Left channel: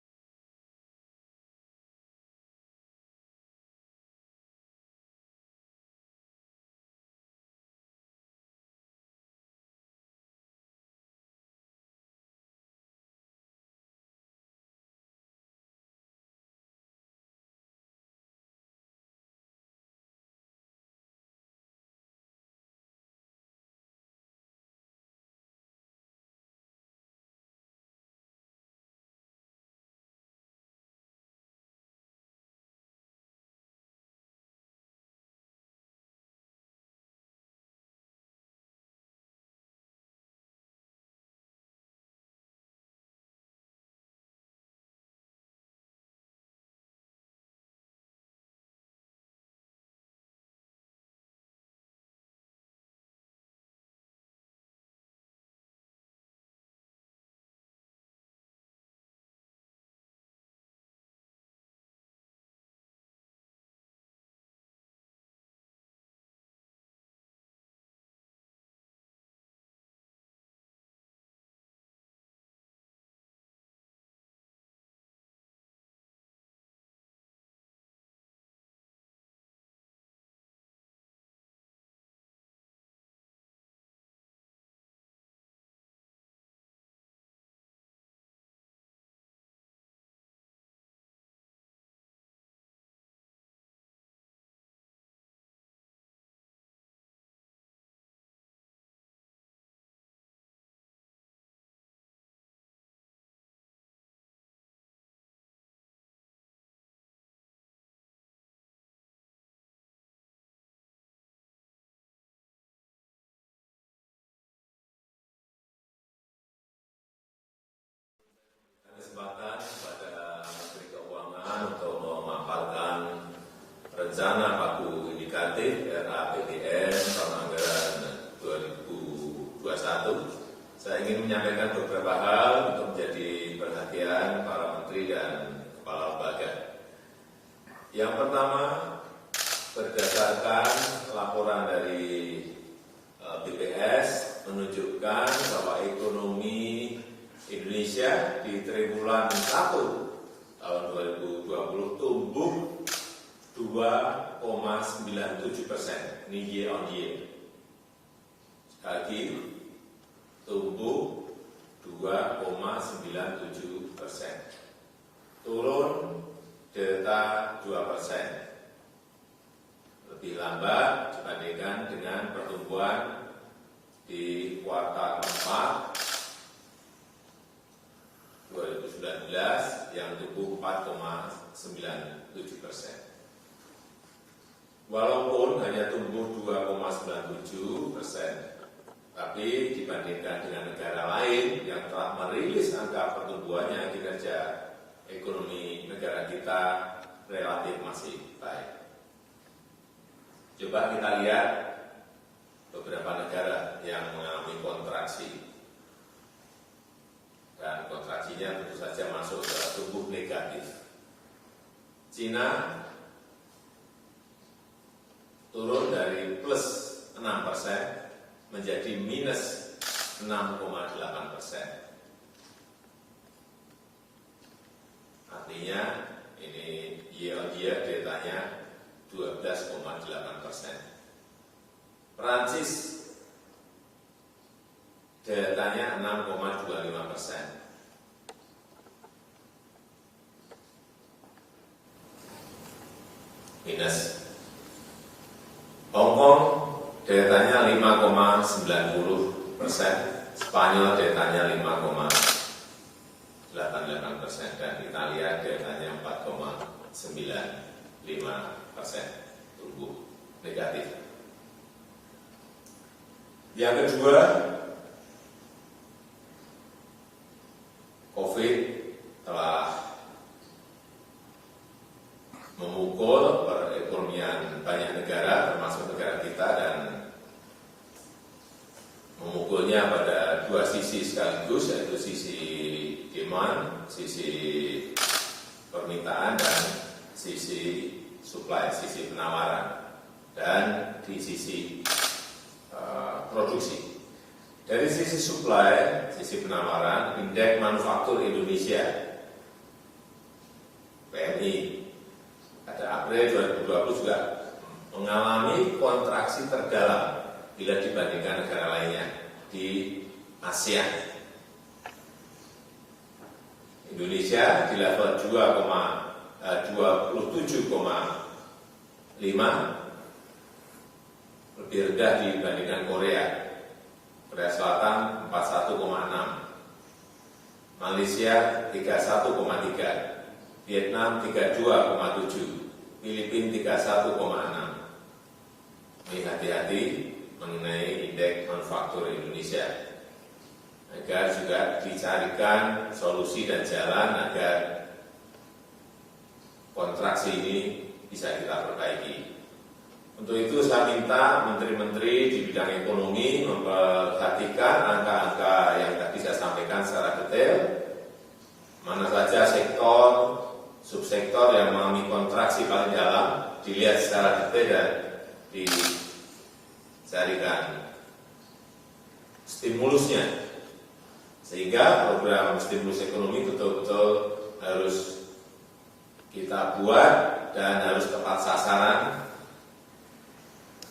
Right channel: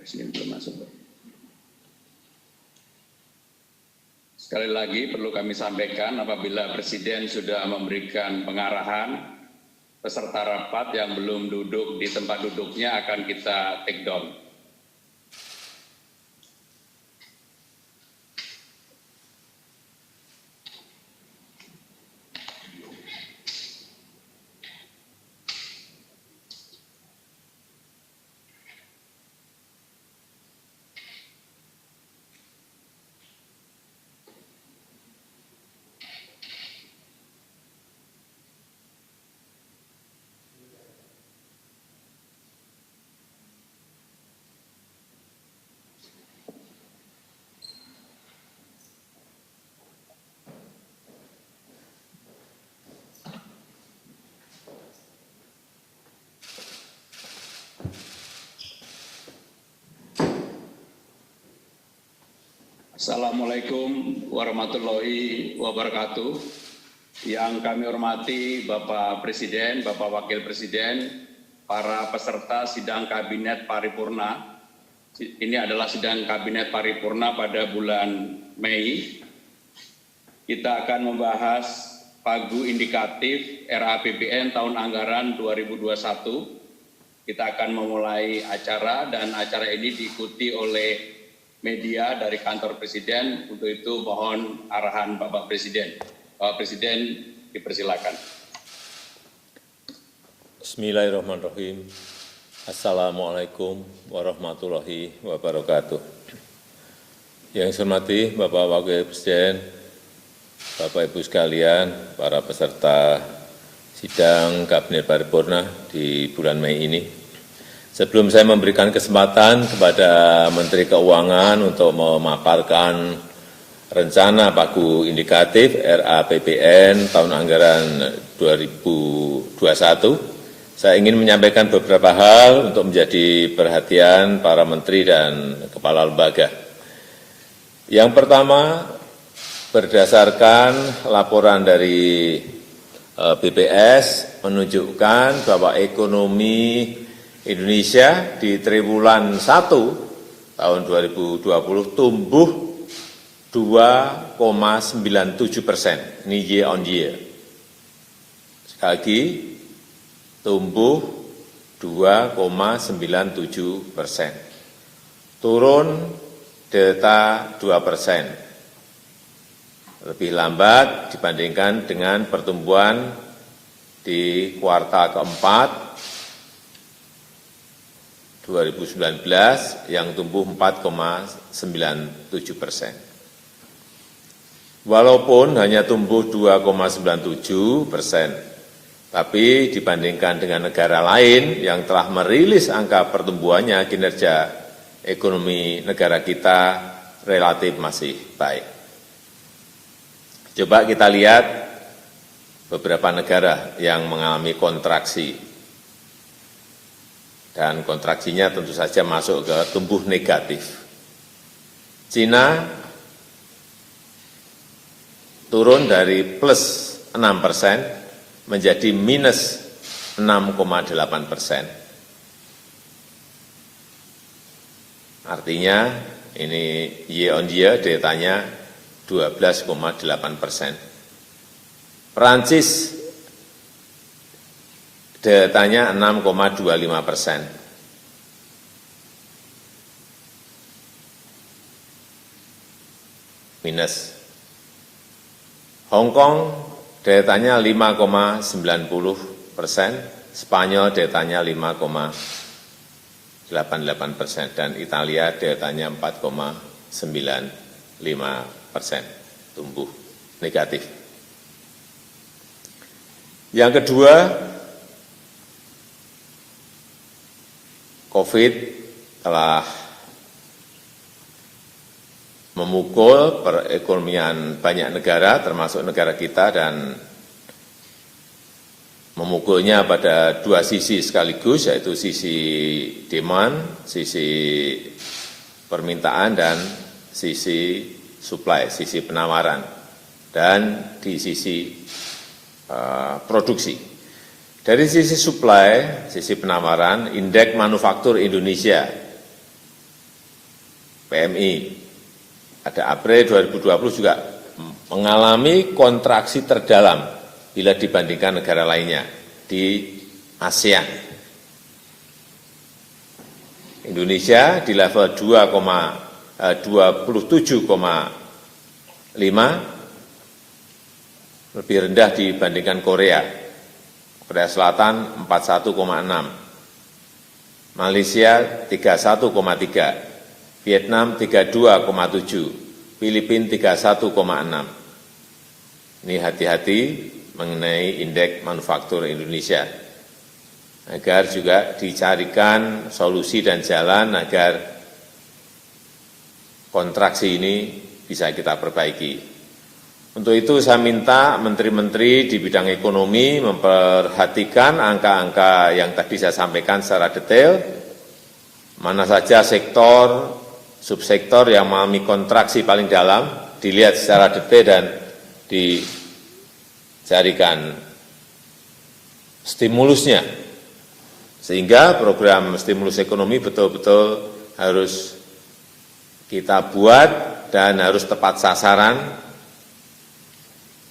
Presiden belum masuk. Sekali lagi perlu kami sampaikan apabila Presiden sudah memberikan pengarahan, peserta rapat yang belum duduk di tempat duduknya akan kita take down. Assalamualaikum warahmatullahi wabarakatuh. Yang kami hormati Bapak Presiden, Bapak Wakil Presiden, para peserta sidang Kabinet Paripurna. Ini adalah sidang Kabinet Paripurna pada bulan Mei. Kita akan membahas pagu indikatif RAPBN tahun anggaran 2021. Kita akan memulai acara dan acara ini diikuti oleh media dari kantor Presiden. Untuk itu mohon arahan Bapak Presiden. Bapak Presiden dipersilakan. Bismillahirrahmanirrahim. Assalamualaikum warahmatullahi wabarakatuh. Yang saya hormati Bapak Wakil Presiden, Bapak Ibu sekalian, para peserta sidang Kabinet Paripurna di bulan Mei ini. Sebelum saya memberikan kesempatan kepada Menteri Keuangan untuk memaparkan rencana pagu indikatif RAPBN tahun anggaran 2021, saya ingin menyampaikan beberapa hal untuk menjadi perhatian para menteri dan kepala lembaga. Yang pertama, berdasarkan laporan dari BPS menunjukkan bahwa ekonomi Indonesia di triwulan 1 tahun 2020 tumbuh 2,97%, ini year on year. Sekali lagi, tumbuh 2,97%, turun delta 2%, lebih lambat dibandingkan dengan pertumbuhan di kuartal keempat 2019 yang tumbuh 4,97%. Walaupun hanya tumbuh 2,97%, tapi dibandingkan dengan negara lain yang telah merilis angka pertumbuhannya, kinerja ekonomi negara kita relatif masih baik. Coba kita lihat beberapa negara yang mengalami kontraksi. Dan kontraksinya tentu saja masuk ke tumbuh negatif. Cina turun dari plus 6% menjadi minus 6,8%. Artinya ini year on year datanya 12,8%. Perancis datanya 6,25%. Minus. Hong Kong datanya 5,90%, Spanyol datanya 5,88%, dan Italia datanya 4,95%, tumbuh negatif. Yang kedua, COVID telah memukul perekonomian banyak negara, termasuk negara kita, dan memukulnya pada dua sisi sekaligus, yaitu sisi demand, sisi permintaan, dan sisi supply, sisi penawaran, dan di sisi produksi. Dari sisi supply, sisi penawaran, indeks manufaktur Indonesia PMI. Pada April 2020 juga mengalami kontraksi terdalam bila dibandingkan negara lainnya di ASEAN. Indonesia di level 27,5, lebih rendah dibandingkan Korea. Korea Selatan 41,6, Malaysia 31,3, Vietnam 32,7, Filipina 31,6. Ini hati-hati mengenai indeks manufaktur Indonesia, agar juga dicarikan solusi dan jalan agar kontraksi ini bisa kita perbaiki. Untuk itu saya minta menteri-menteri di bidang ekonomi memperhatikan angka-angka yang tadi saya sampaikan secara detail, mana saja sektor, subsektor yang mengalami kontraksi paling dalam, dilihat secara detail dan dicarikan stimulusnya, sehingga program stimulus ekonomi betul-betul harus kita buat dan harus tepat sasaran,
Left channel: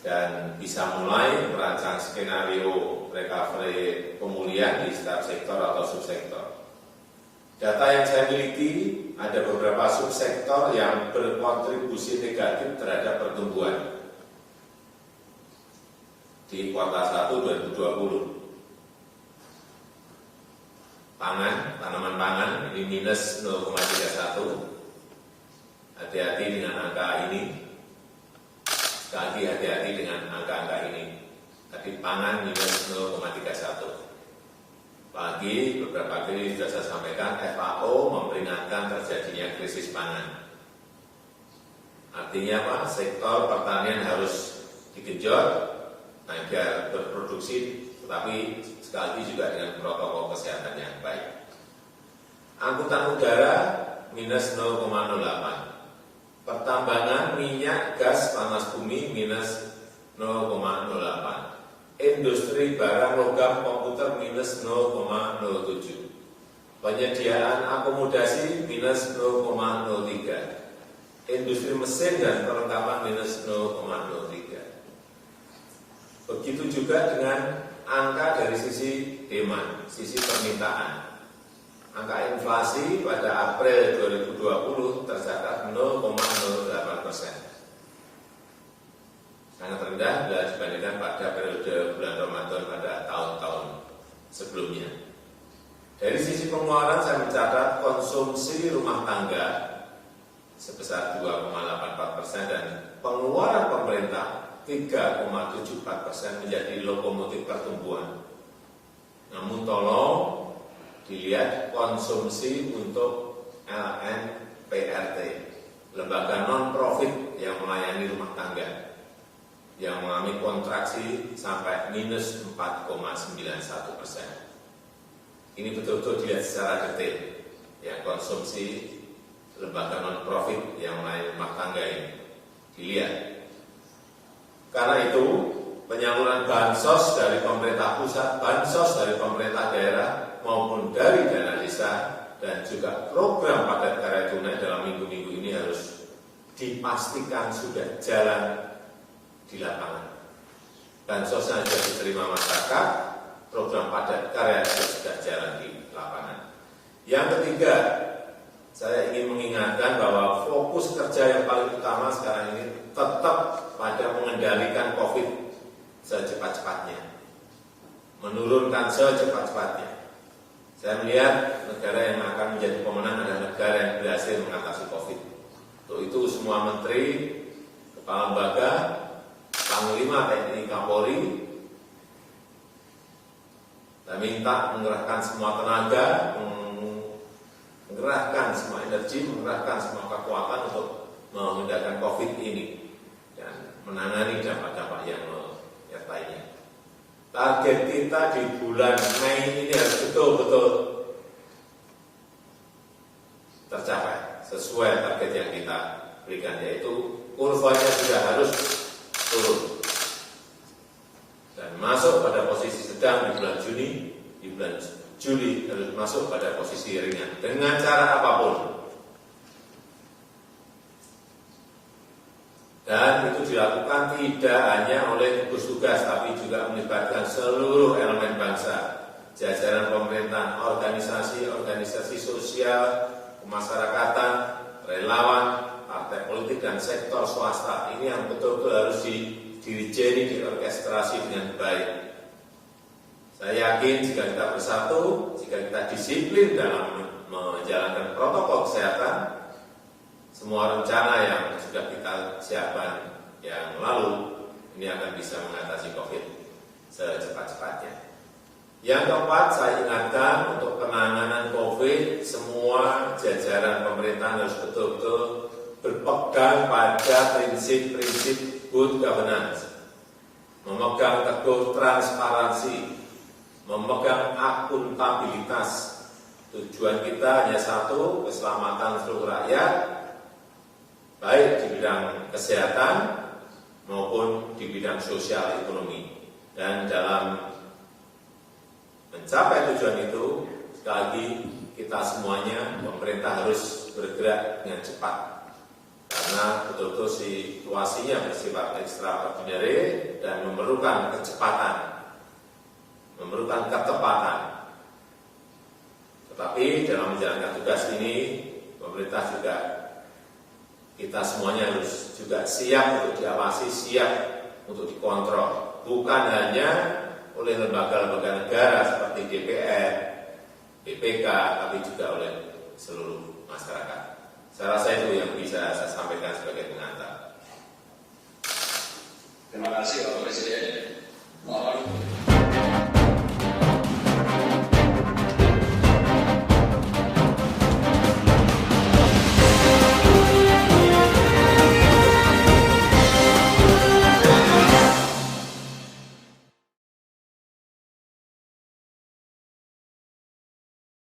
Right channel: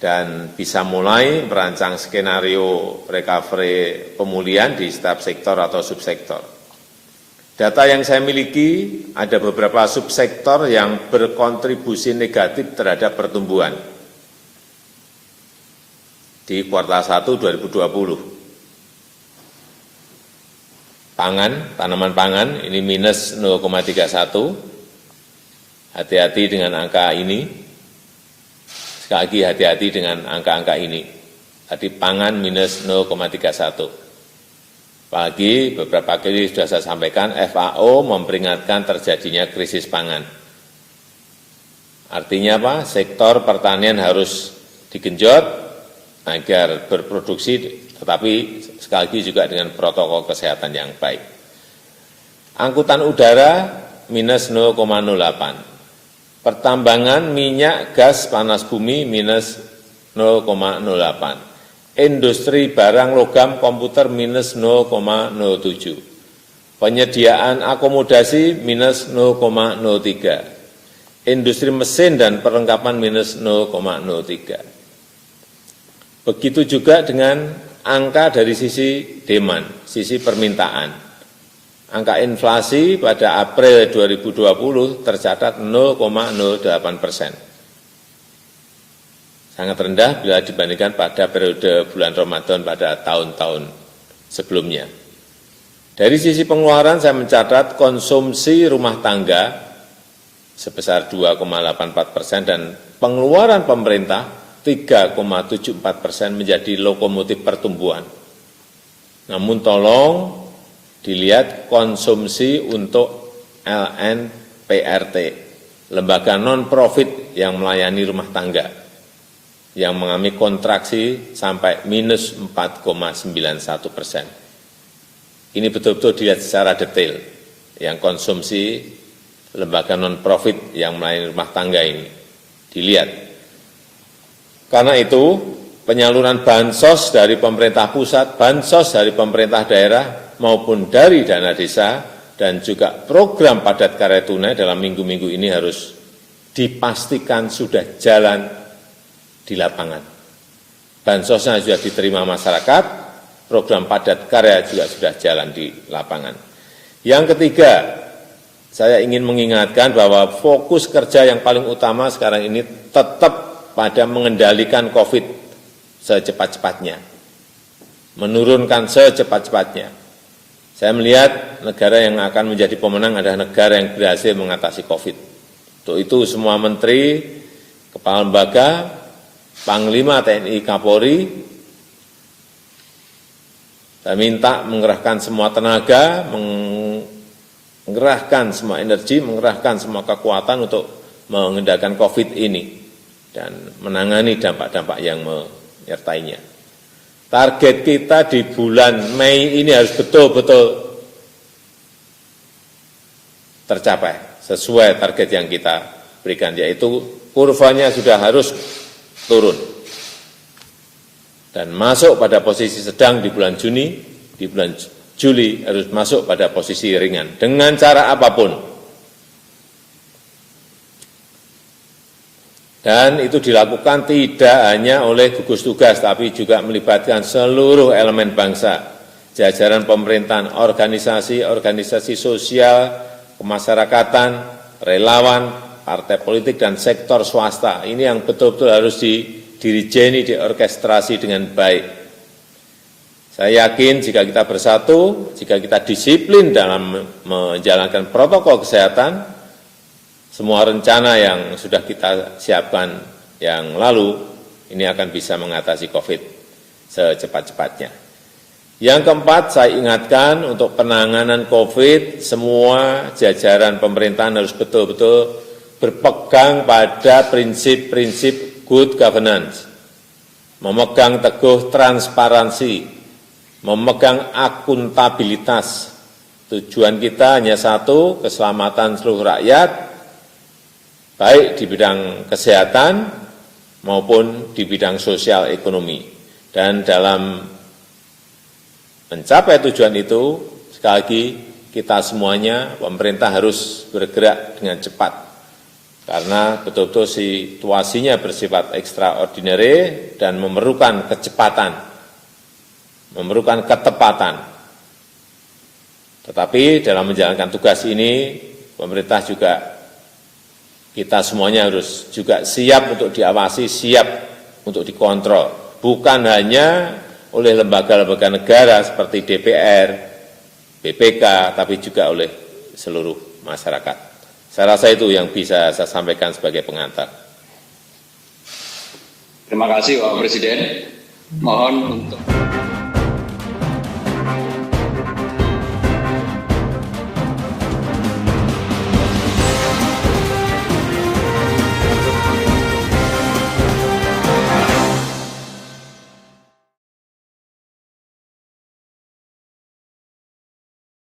dan bisa mulai merancang skenario recovery pemulihan di setiap sektor atau subsektor. Data yang saya miliki, ada beberapa subsektor yang berkontribusi negatif terhadap pertumbuhan di kuartal 1 2020. Pangan, tanaman pangan, ini minus 0,31. Hati-hati dengan angka ini. Sekali lagi hati-hati dengan angka-angka ini. Tadi pangan minus 0,31. Apalagi beberapa kali sudah saya sampaikan, FAO memperingatkan terjadinya krisis pangan. Artinya apa? Sektor pertanian harus digenjot agar berproduksi, tetapi sekali lagi juga dengan protokol kesehatan yang baik. Angkutan udara minus 0,08. Pertambangan minyak, gas, panas bumi minus 0,08. Industri barang logam komputer minus 0,07. Penyediaan akomodasi minus 0,03. Industri mesin dan perlengkapan minus 0,03. Begitu juga dengan angka dari sisi demand, sisi permintaan. Angka inflasi pada April 2020 tercatat 0,08%. Sangat rendah bila dibandingkan pada periode bulan Ramadan pada tahun-tahun sebelumnya. Dari sisi pengeluaran saya mencatat konsumsi rumah tangga sebesar 2,84% dan pengeluaran pemerintah 3,74% menjadi lokomotif pertumbuhan. Namun tolong dilihat konsumsi untuk LNPRT, lembaga non-profit yang melayani rumah tangga, yang mengalami kontraksi sampai minus 4,91%. Ini betul-betul dilihat secara detail, yang konsumsi lembaga non-profit yang melayani rumah tangga ini dilihat. Karena itu, penyaluran bansos dari pemerintah pusat, bansos dari pemerintah daerah, maupun dari dana desa, dan juga program padat karya tunai dalam minggu-minggu ini harus dipastikan sudah jalan di lapangan. Bansosnya sudah diterima masyarakat, program padat karya juga sudah jalan di lapangan. Yang ketiga, saya ingin mengingatkan bahwa fokus kerja yang paling utama sekarang ini tetap pada mengendalikan COVID secepat-cepatnya, menurunkan secepat-cepatnya. Saya melihat negara yang akan menjadi pemenang adalah negara yang berhasil mengatasi COVID. Untuk itu semua menteri, kepala lembaga, Panglima TNI Kapolri, saya minta mengerahkan semua tenaga, mengerahkan semua energi, mengerahkan semua kekuatan untuk mengendalikan COVID ini dan menangani dampak-dampak yang menyertainya. Target kita di bulan Mei ini harus betul-betul tercapai sesuai target yang kita berikan, yaitu kurvanya sudah harus turun dan masuk pada posisi sedang di bulan Juni, di bulan Juli harus masuk pada posisi ringan dengan cara apapun. Dan itu dilakukan tidak hanya oleh gugus tugas, tapi juga melibatkan seluruh elemen bangsa, jajaran pemerintahan, organisasi sosial, kemasyarakatan, relawan, partai politik, dan sektor swasta. Ini yang betul-betul harus didirijeni, diorkestrasi dengan baik. Saya yakin jika kita bersatu, jika kita disiplin dalam menjalankan protokol kesehatan, semua rencana yang sudah kita siapkan yang lalu, ini akan bisa mengatasi COVID secepat-cepatnya. Yang keempat, saya ingatkan untuk penanganan COVID, semua jajaran pemerintahan harus betul-betul berpegang pada prinsip-prinsip good governance, memegang teguh transparansi, memegang akuntabilitas. Tujuan kita hanya satu, keselamatan seluruh rakyat, baik di bidang kesehatan maupun di bidang sosial ekonomi. Dan dalam mencapai tujuan itu, sekali lagi kita semuanya, pemerintah harus bergerak dengan cepat. Karena betul-betul situasinya bersifat extraordinary dan memerlukan kecepatan, memerlukan ketepatan. Tetapi dalam menjalankan tugas ini, pemerintah juga, kita semuanya harus juga siap untuk diawasi, siap untuk dikontrol. Bukan hanya oleh lembaga-lembaga negara seperti DPR, BPK, tapi juga oleh seluruh masyarakat. Saya rasa itu yang bisa saya sampaikan sebagai pengantar. Terima kasih Bapak Presiden. Mohon untuk